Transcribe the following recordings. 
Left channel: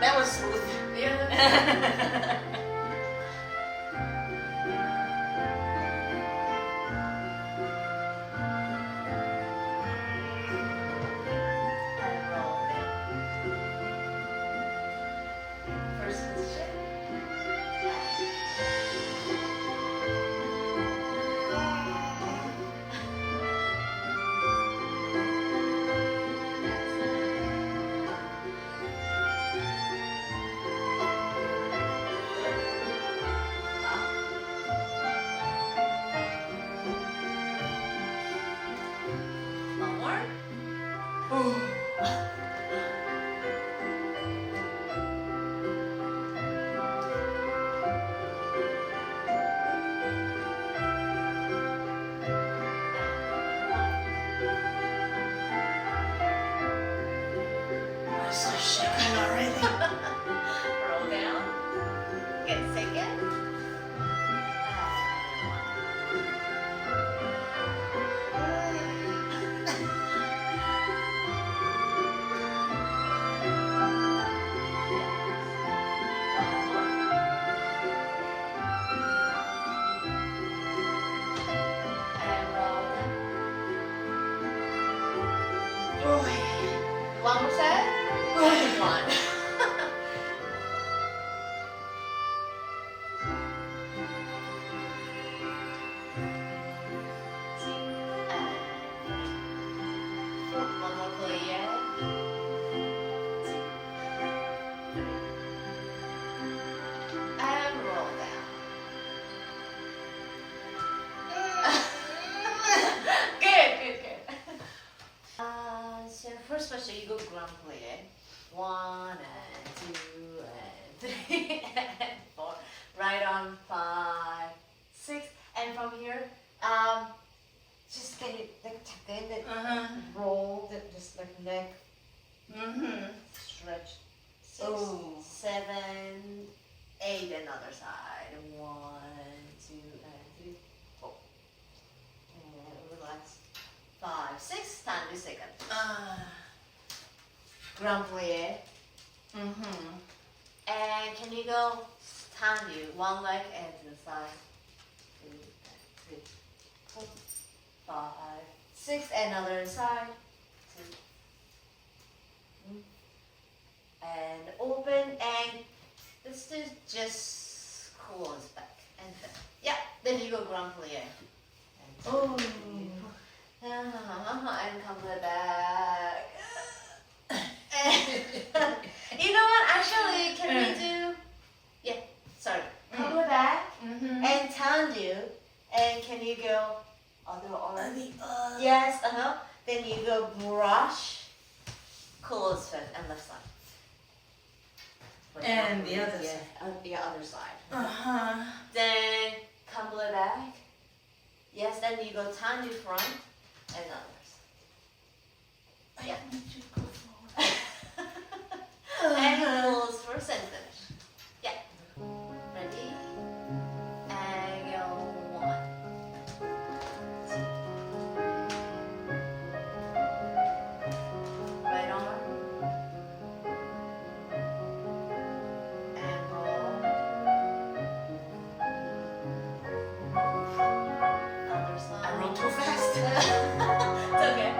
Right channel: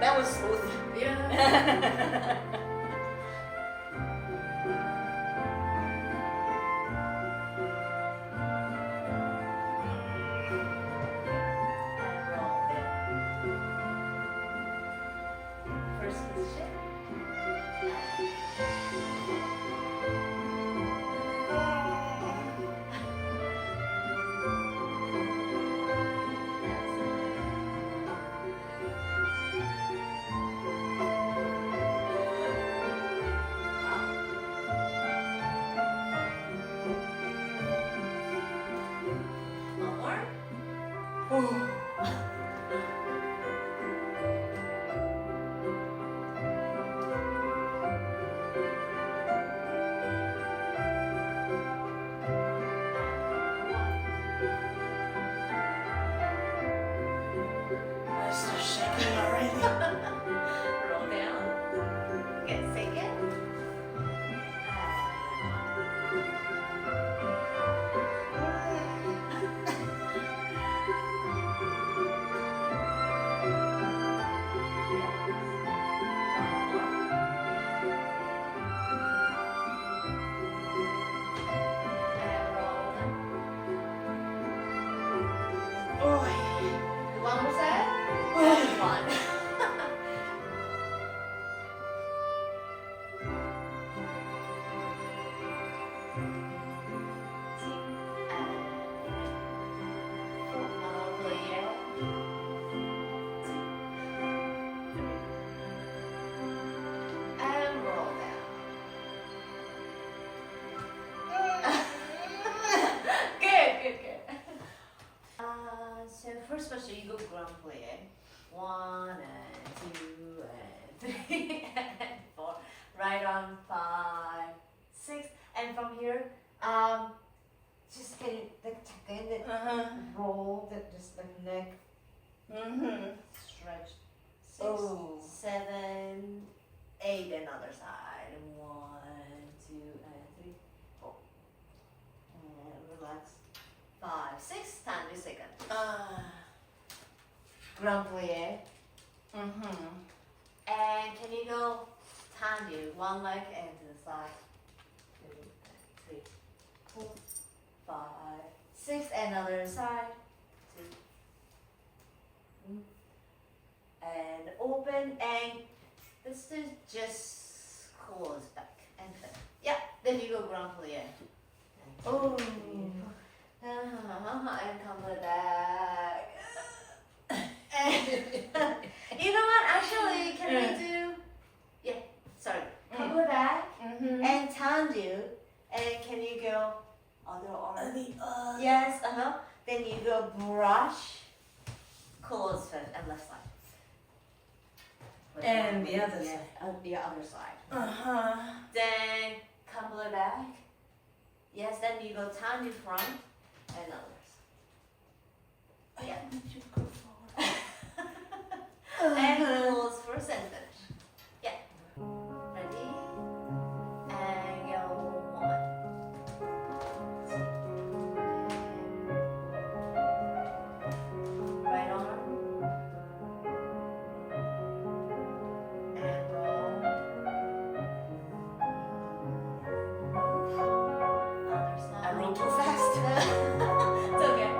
That was smooth. Yeah. One more set. And one. One more clear. And roll down. Good. So first special, you go ground clear. 1 and 2 and 3 and 4. Right arm 5, 6, and from here, just get it like tuck in it, roll the just like neck, stretch. 6, 7, 8, another side. 1, 2, and 3, 4. And relax. 5, 6, time this second. Grand plie. And can you go stand you one leg and to the side? 2, 3, 4, 5, 6, another side. 2. And open and this is just close back and then. Yeah, then you go grand plie. Oh. And come back. You know what? Actually, can we do? Yeah. Sorry. Come back and Tendu, and can you go other arm? Yes. Then you go brush, close foot and left side. And the other side. The other side. Then come back. Yes. Then you go Tendu front. And others. Yeah. You go forward. And close first and finish. Yeah. Ready? And go 1, 2. Right arm. And roll. Other side. I rolled too fast. It's okay.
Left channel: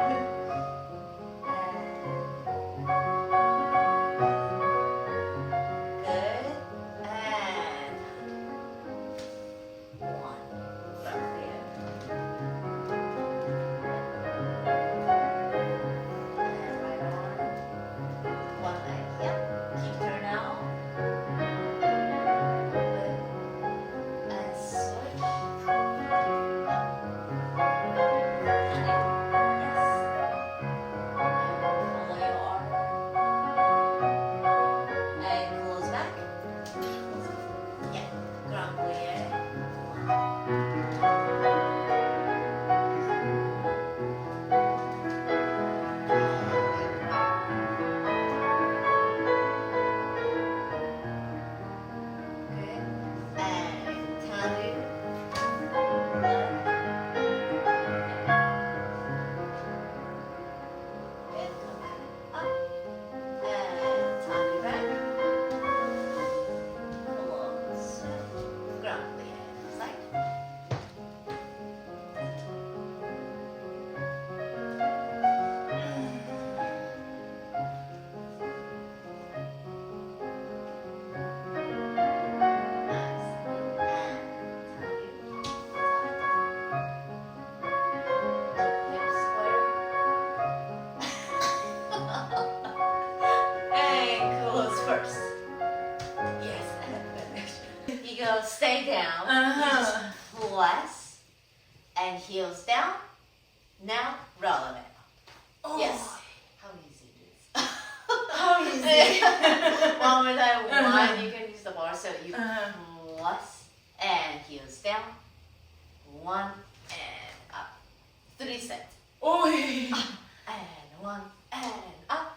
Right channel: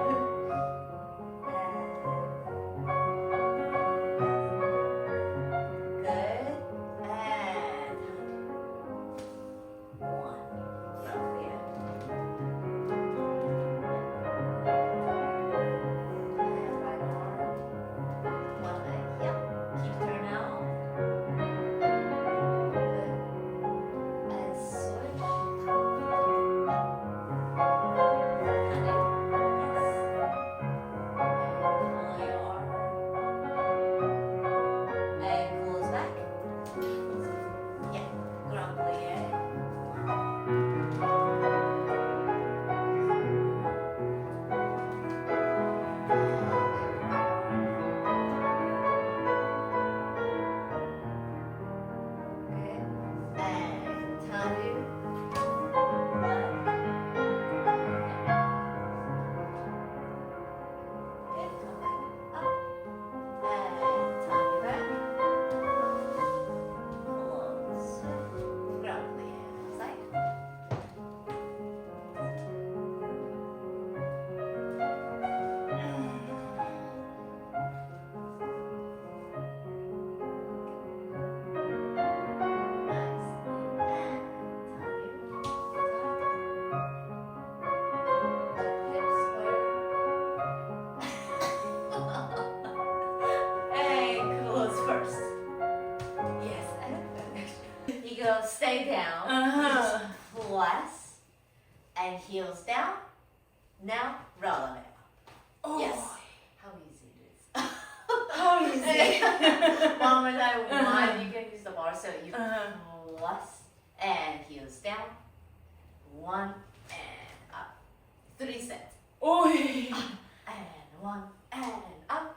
down, you just press, and heels down. Now roll it up. Oh. Yes. How easy it is. How easy. One more time. One, you can use the bar. So you press and heels down. One and up. 3 sets. Oh. And one and up.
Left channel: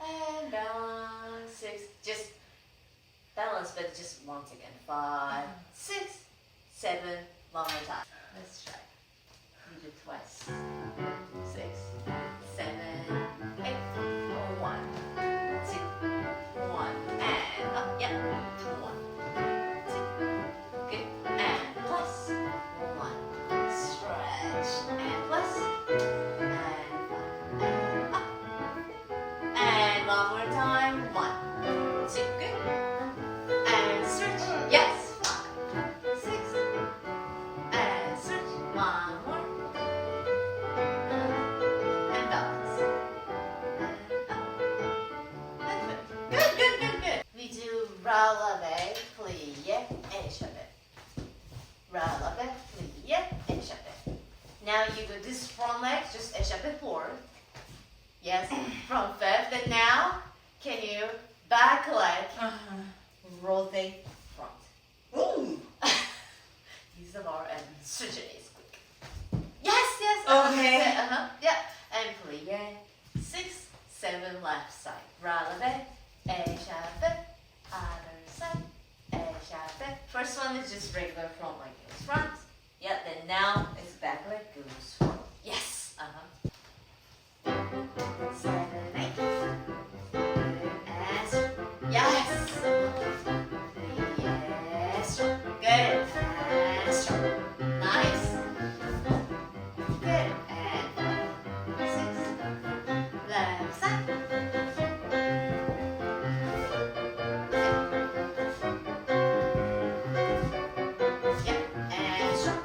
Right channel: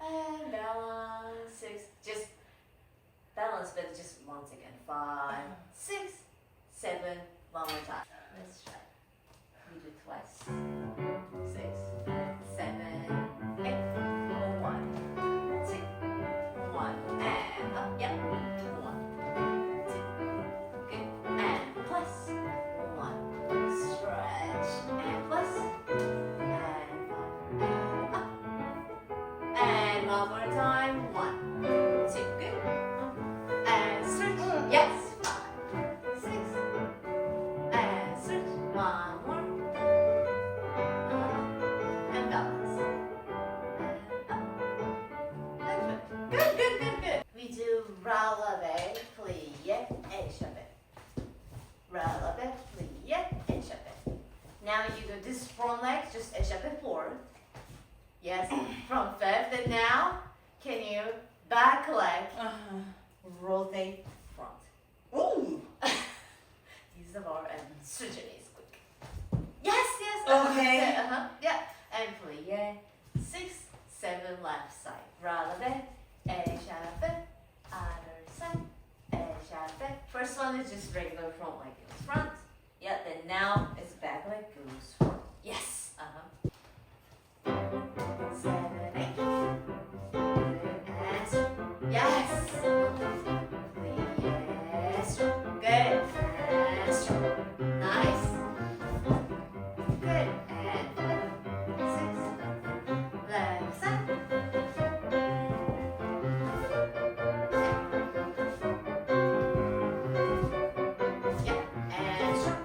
And balance. 6. Just balance, but just once again. 5, 6, 7. One more time. Let's try. You do twice. 6, 7, 8. 1, 2, 1, and up. Yep. 1, 2. Good. And plus. 1. Stretch. And plus. And up. And one more time. 1, 2. Good. And stretch. Yes. 5, 6. And stretch. One more. And balance. And up. Good, good, good, good. We do releve, plié, échappé. Releve, plié, échappé. Now you do this front leg, just échappé forward. Yes, from fifth. And now, can you back leg, rotate front. Ooh. Use the bar and switch it is quick. Yes, yes. Okay. Yeah. And plié. 6, 7 left side. Releve, échappé. Other side. Échappé. First one is just regular front leg goes front. Yeah. Then now it's back leg goes front. Yes. 7, 8. And yes. Yes. Good. And strong. Nice. Good. And 6. Left side. Yep. And strong.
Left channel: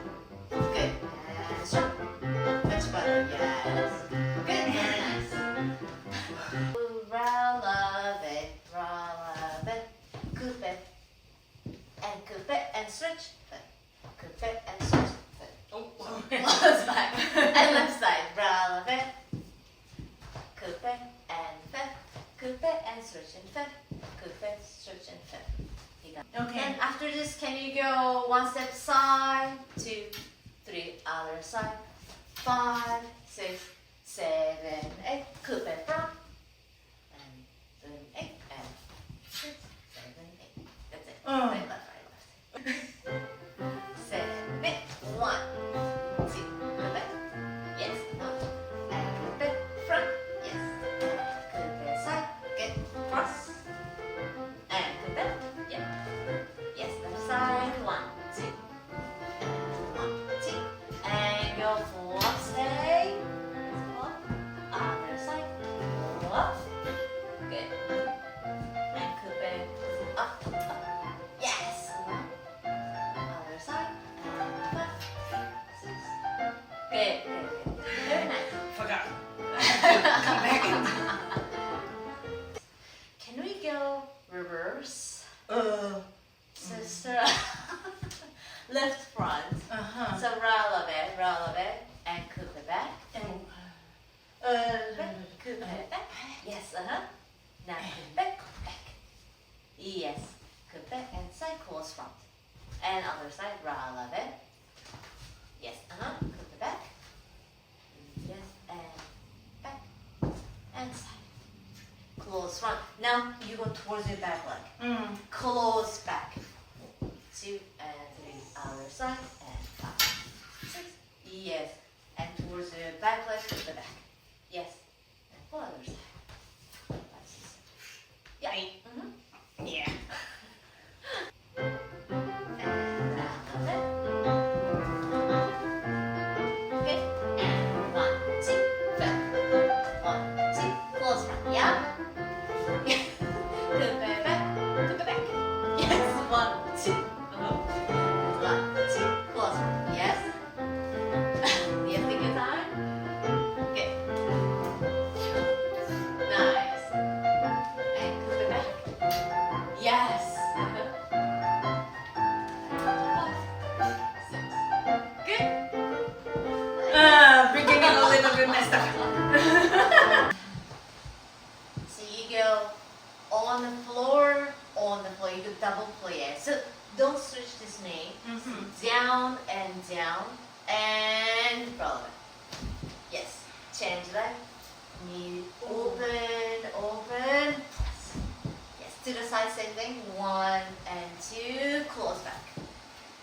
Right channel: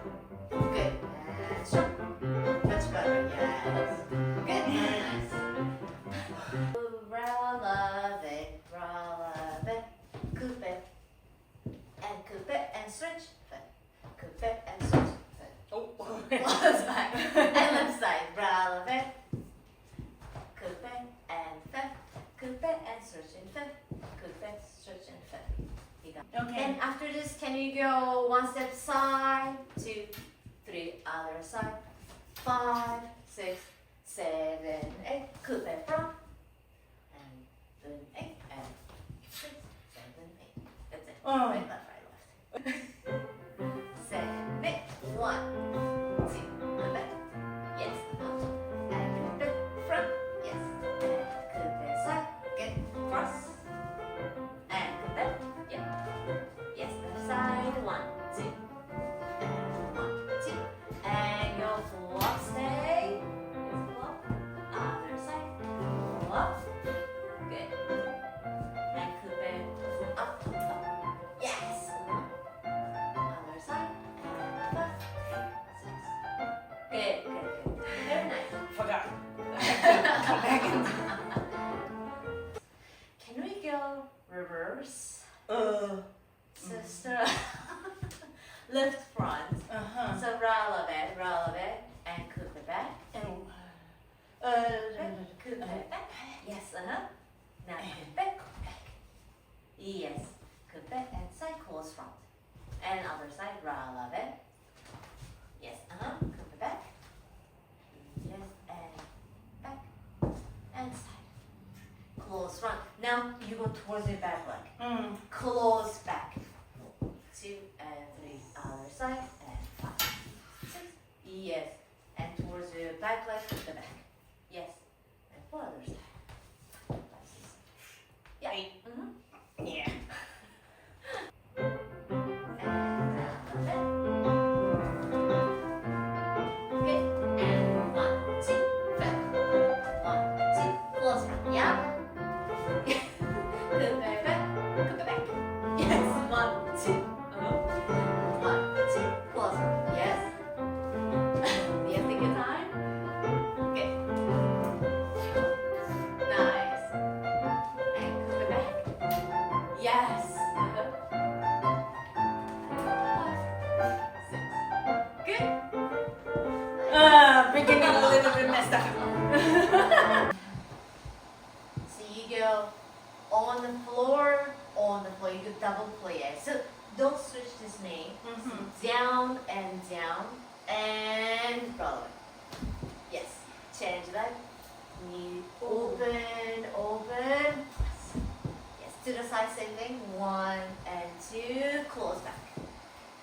Good. And strong. Much better. Yes. Good. Very nice. Releve, releve, coupe, and coupe, and switch, coupe, and switch, Oh. close back, and left side, releve, coupe, and fifth, coupe, and switch, and fifth, coupe, switch, and fifth. You got it. Okay. And after this, can you go one step side, 2, 3, other side, 5, 6, 7, 8, coupe front, and 7, 8, and 6, 7, 8. That's it. Oh. Right, left, right, left. 7, 8, 1, 2, coupe, yes, up, and coupe front, yes, and coupe side, good, cross, and coupe, yeah, yes, left side, 1, 2, and 1, 2, and go full up, stay. Other side, up, good, and coupe, up, up, yes, other side, and up, 6, good, good, good, very nice. Forgot. Come back in. Can we go reverse, sister? Left front, so releve, and coupe back, coupe back, yes, now coupe back, yes, coupe and side close front, and other side, releve, yes, coupe back, yes, and back, and side, close front. Now you go towards your back leg, close back, 2 and 3, other side, and 5, 6, yes, and towards the back leg, coupe back, yes, and for other side, 5, 6, 7. Yeah. Yeah. And okay, and 1, 2, back, 1, 2, close front, yeah. Coupe back, yes, We're getting a little bit messed up. So you go on the floor, you could double play it. So don't switch this name. So down and down and roll it. Yes, change that. Knee open, open. Yes, to the side, same thing. 1 and 2, close back.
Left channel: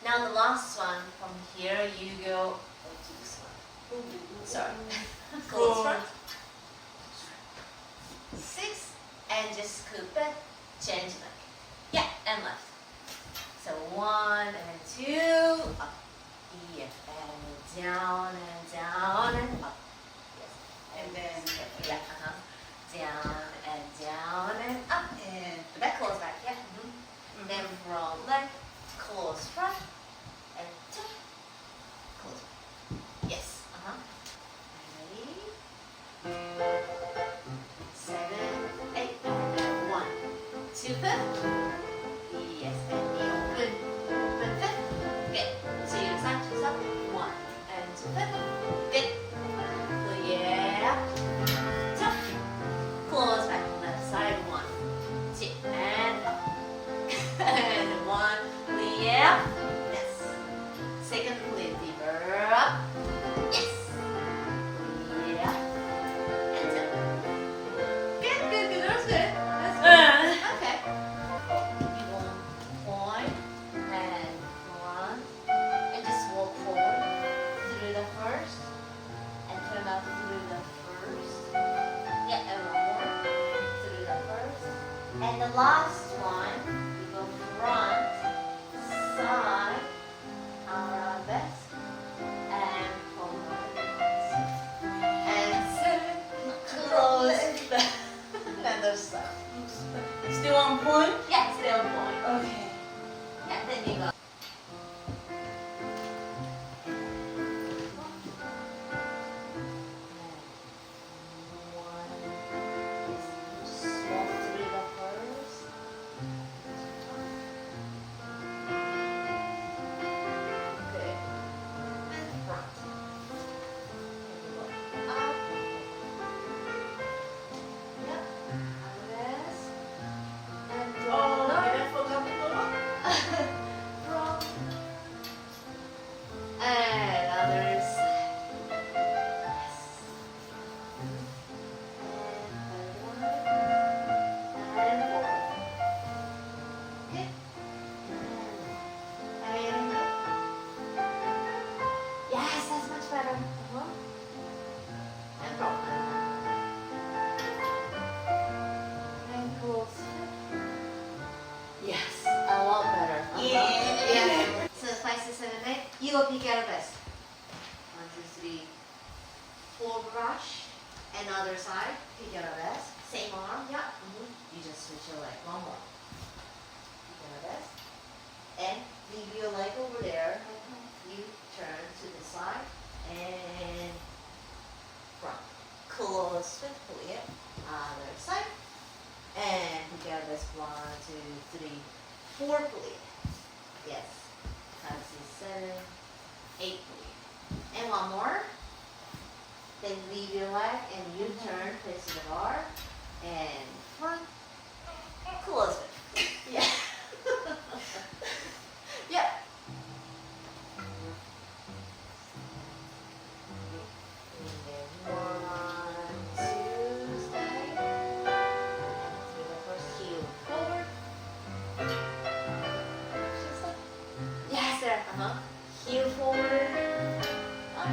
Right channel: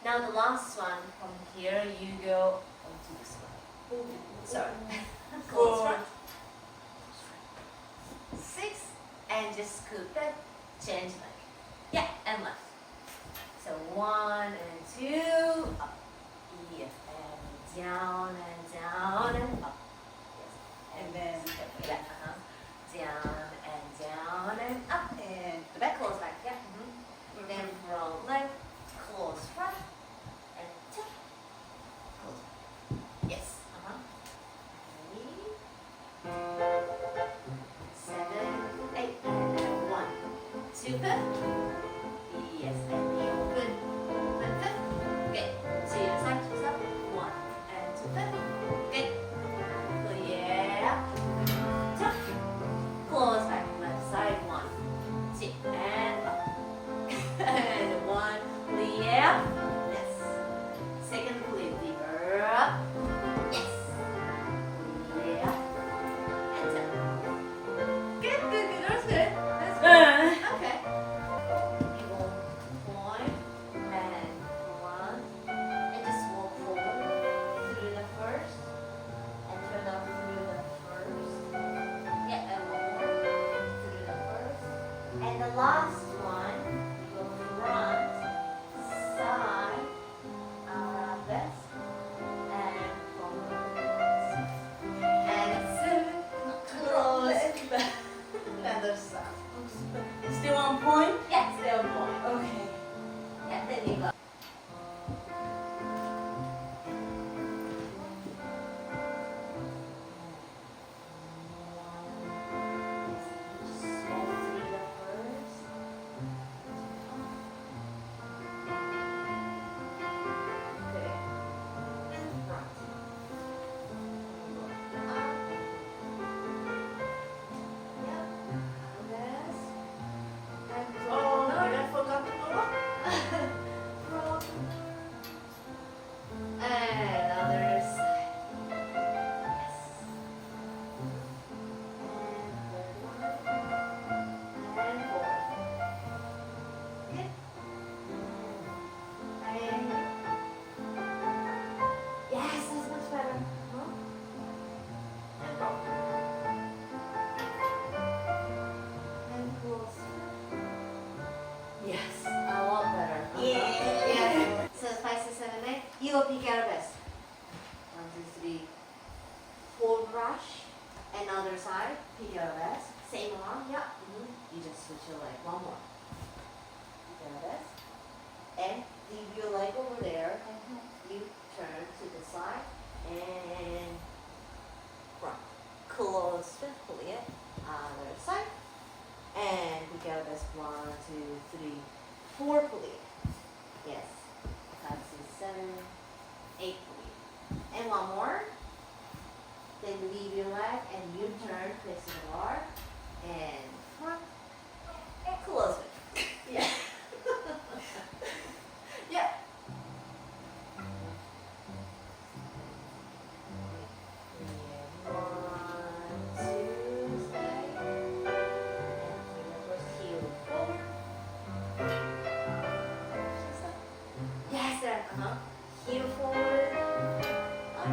Now the last one, from here you go to this one. Sorry. Close front. 6 and just scoop it. Change leg. Yeah, and left. So 1 and 2, up. Here and down and up. Yes. And then yeah, down and up. And The back close back, yeah. Then from leg, close front, and 2, close back. Yes, Ready? 7, 8, and 1, 2, 5. Yes, and knee open, open 5. Good. So your side to up, 1 and 2, 5. Good. Clear. Tuck. Close back, left side, 1, 2, and up. And 1, clear. Yes. Second clear, deeper up. Yes. Clear. And down. Good. That's good. Okay. You want point and 1, and just walk forward through the first, and turn out through the first. Yeah, and 1 more through the first, and the last one you go front, side, arabesque, and forward, and close back. Another side. still on point? Yeah, still point. Okay. Yeah, then you go. Oh, okay, I forgot to go. And other side. Yes. And forward. Good. And yes, that's much better. And roll. And close. Yes, a lot better. Yeah. So 5, 6, 7, 8. You go pick Arabesque. 1, 2, 3, 4 brush. And other side, pick Arabesque. Same arm, yeah. You just switch your leg. 1 more. Pick Arabesque. And leave your leg over there. You turn to the side and front. Close swiftly. Other side. And pick Arabesque. 1, 2, 3, 4 please. Yes. 5, 6, 7, 8 please. And 1 more. Then leave your leg and you turn, face the bar, and front, close it. Yeah. Yeah. Yes, sir. Heel forward. Up.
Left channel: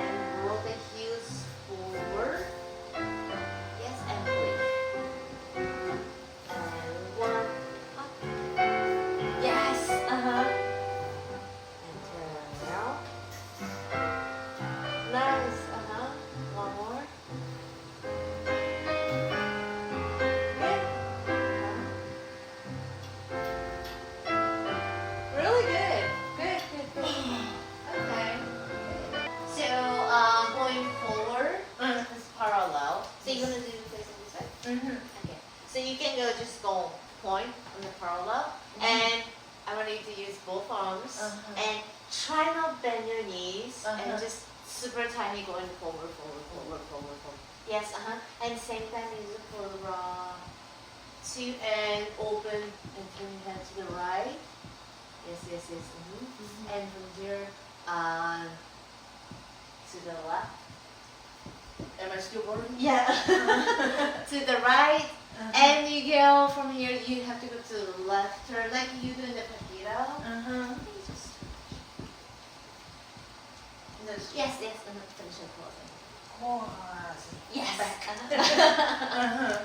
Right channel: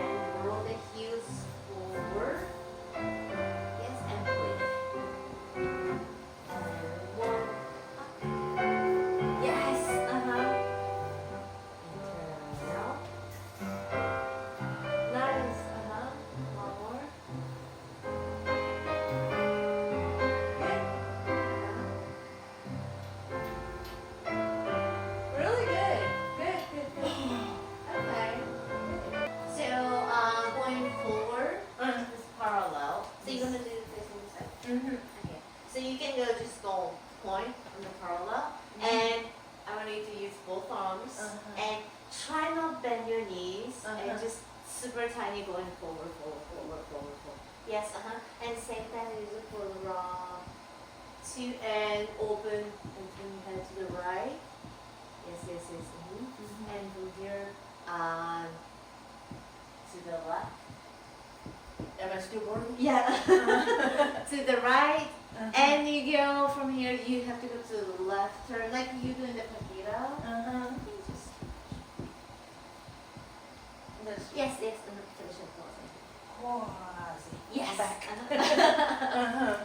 And roll the heels forward. Yes, and breathe. And 1. Up. Yes. And turn around. Nice. 1 more. Good. Really good. Good. Okay. So, going forward, this parallel. So you're gonna do this way? Okay. So you can go just go point on the parallel, and I want you to use both arms and try not bend your knees and just super tiny, going forward, forward, forward, forward, forward. Yes, and same that is for the wrong. Two and open and turn head to the right. Yes, yes, yes. And from here, to the left. Am I still boarding? Yeah. To the right. And you go from here, you have to go to the left turn, like you do in the Paquito. Yes, yes, finish it closing. Yes. Back.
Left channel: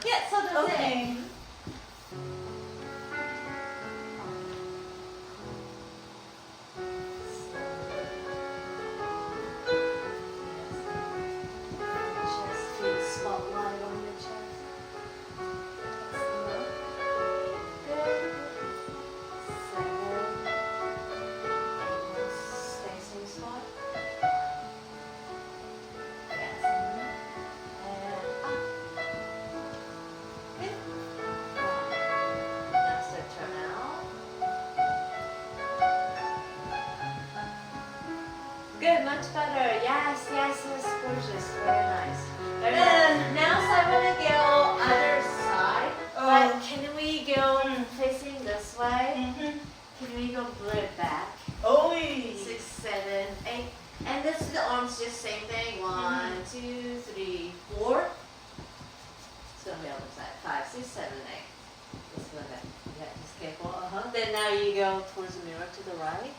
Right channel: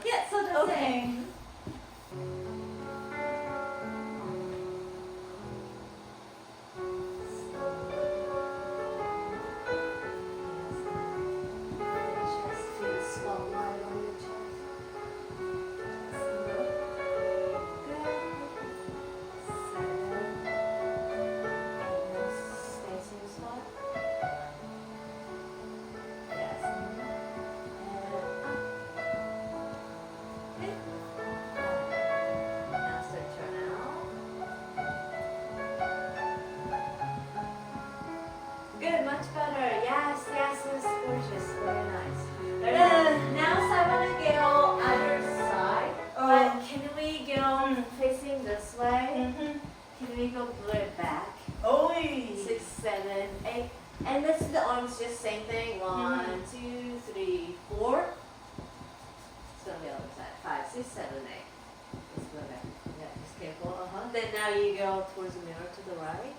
Yeah, so that's Okay. it. Just feel spotlight on your chest. Good. 7. Almost stay same spot. Yes. And up. Good. Now start turn out. Good, much better. Yes, yes, yes, gorgeous. Very nice. Very nice. Now so I'm gonna go other side. But can we go facing this way? Can we go blur back? 6, 7, 8. And this is the arms, just same thing. 1, 2, 3, 4. It's gonna be on the side. 5, 6, 7, 8. Just go there. Yeah, just careful. Then now you go towards the mirror to the right,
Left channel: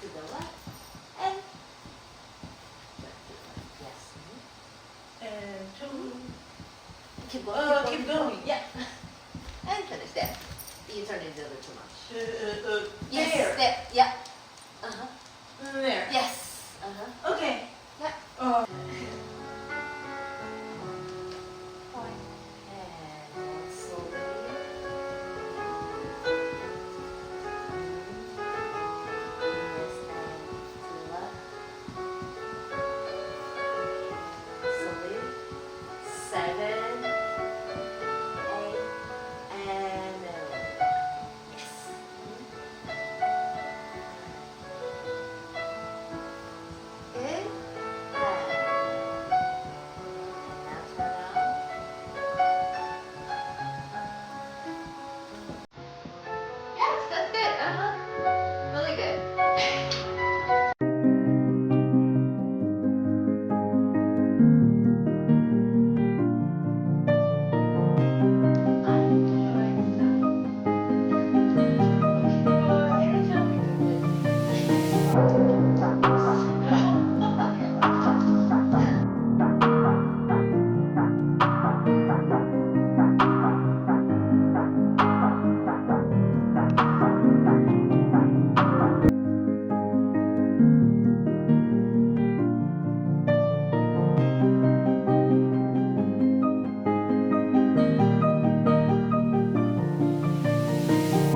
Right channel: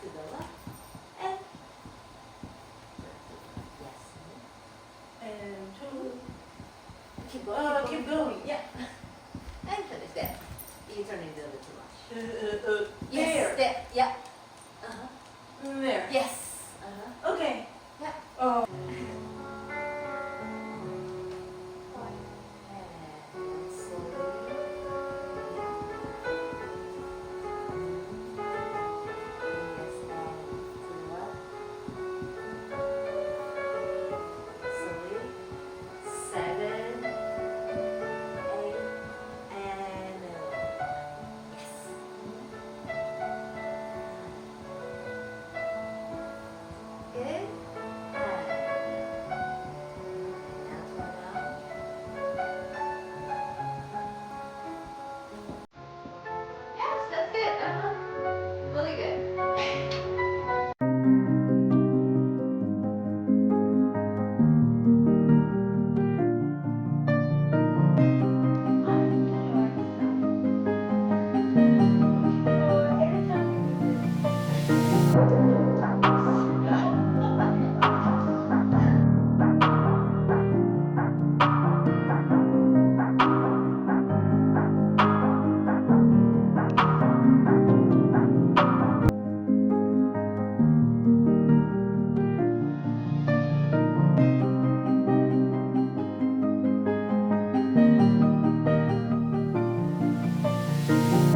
to the left, and left to the right. Yes. And 2. Keep going. Keep going. Yeah. And finish that. You turn it over too much. There. Yes. There. Yeah. There. Yes. Okay. Yeah. Oh.